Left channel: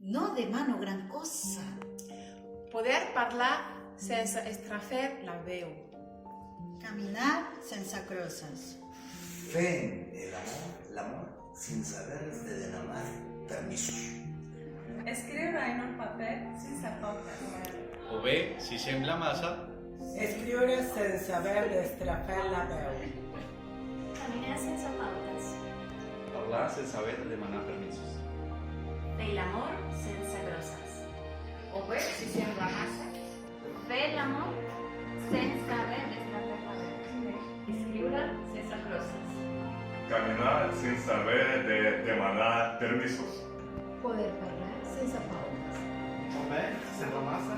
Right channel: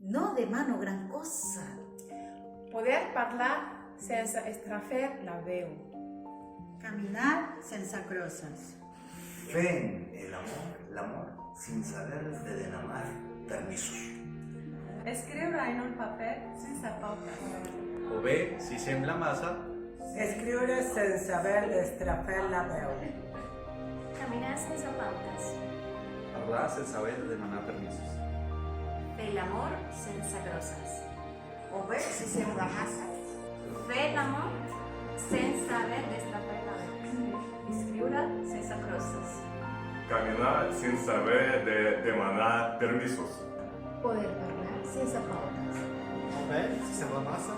No demano gran cosa. Poder parlar sense estrafer la veu. Caminar sense crosses. Fent l'amor sin saber de demanar permisos. Escriure en un paper sense pautes. O bé, si sembla massa, Escriure sense haver d'estrafar la veu. Caminar sense pautes. parlar sense haver de demanar permisos. Fer l'amor sense grosses. O bé, si sembla massa, Fer l'amor sense haver d'estrafar la veu. Escriure sense crosses. Caminar sin saber de demanar permisos. Poder parlar sense pautes. O bé, si sembla massa,